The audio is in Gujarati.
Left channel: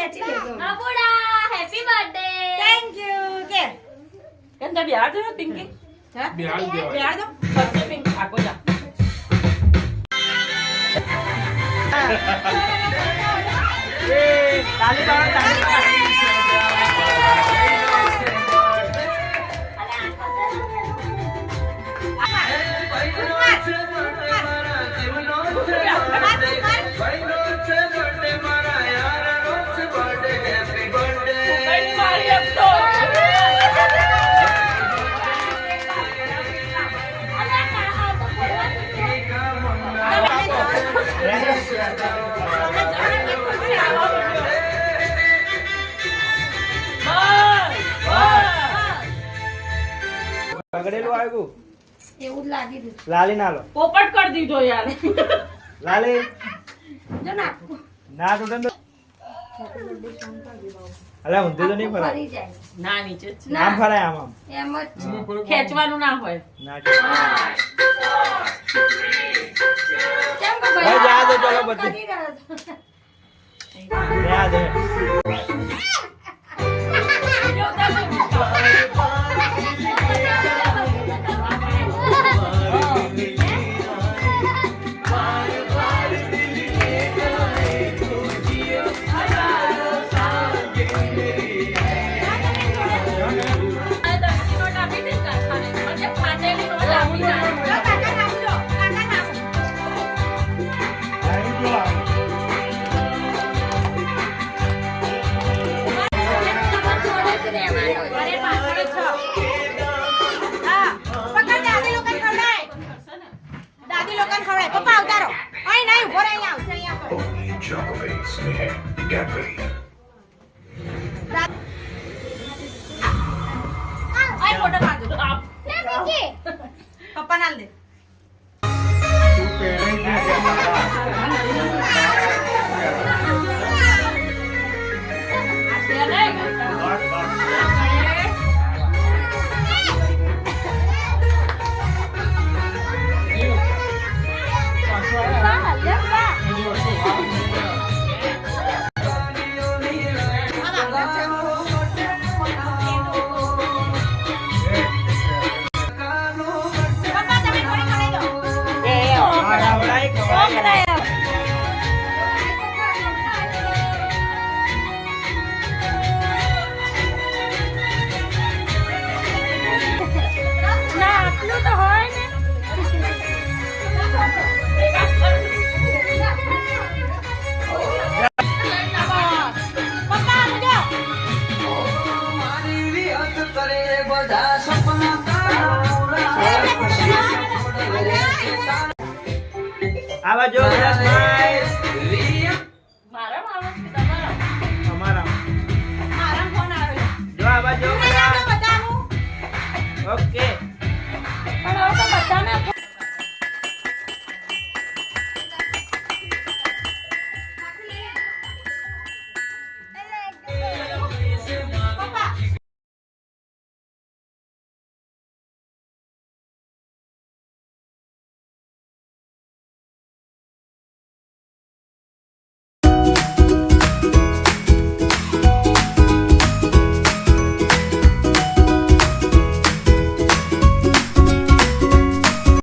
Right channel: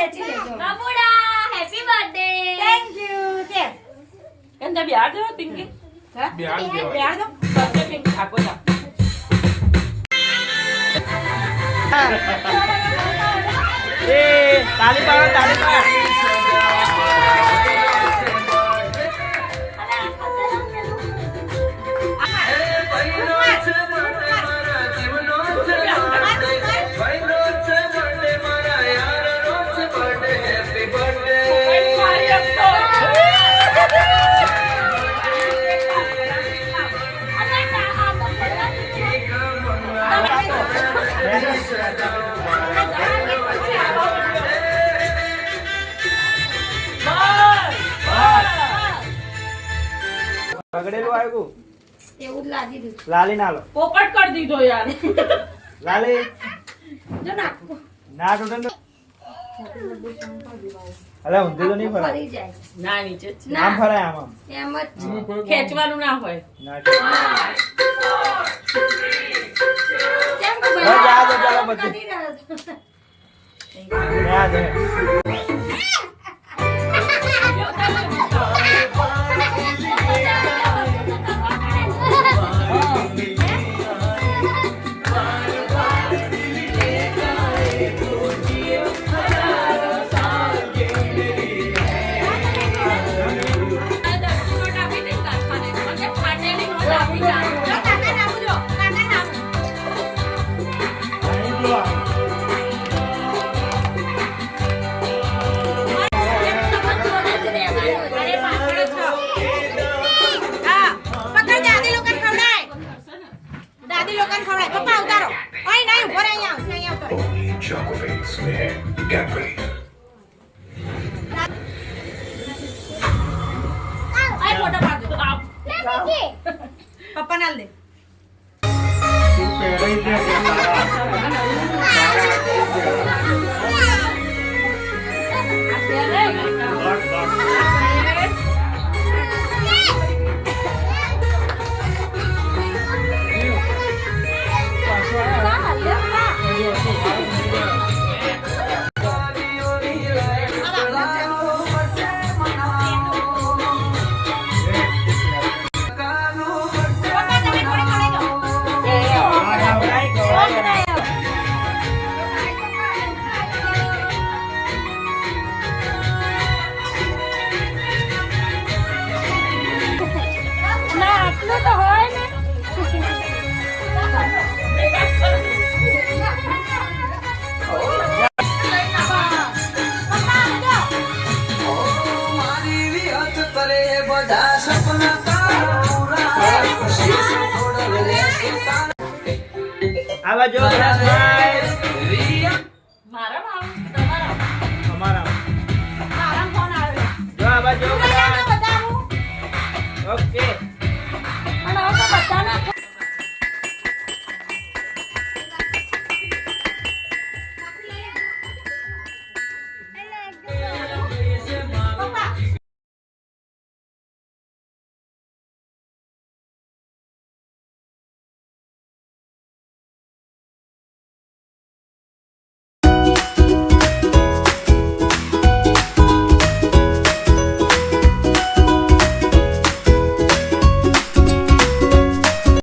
ખેંચી લેજો બાબુડા હેપી બર્થડે થેન્ક યુ કે કેમ તે બિહાર દે પિંકી હા બિહાર દેવાય. બિહાર દો સત્ય પિંકી આકો જા એ તાલી પાડો બગડેલું આવ્યું એવું જ લાગી દીધું લાલી ના લો પોપટ કરી દીધો યાર લાલી જો ના ના તૂટે અરે ઊંધી તો નહીં ફરાય ફરી જાય ના નીચે જ છે. આમ ફરાય આમ આમ એમ જ છે. ખેંચવાનું ના હોય ના કેમ કે હવે જા દો, ચાલો પછી. કરી રહ્યો છો. જા દે કાકા નાખું જો કાકા નાખું હા પકડ દાદી લોકોને ખવડાય દાદી લોકોને ખવડાય પપ્પા ઉતારો અહીં ના ઉભો રહે અહીંયા આવશે અહીંયા ઉતારો Only Chocobates में Cadbury. અહીં ફોટો પાડ દો પપ્પા નાલ દે ના આટલું તો હોય ને આવા જો બધા સ્માઈલ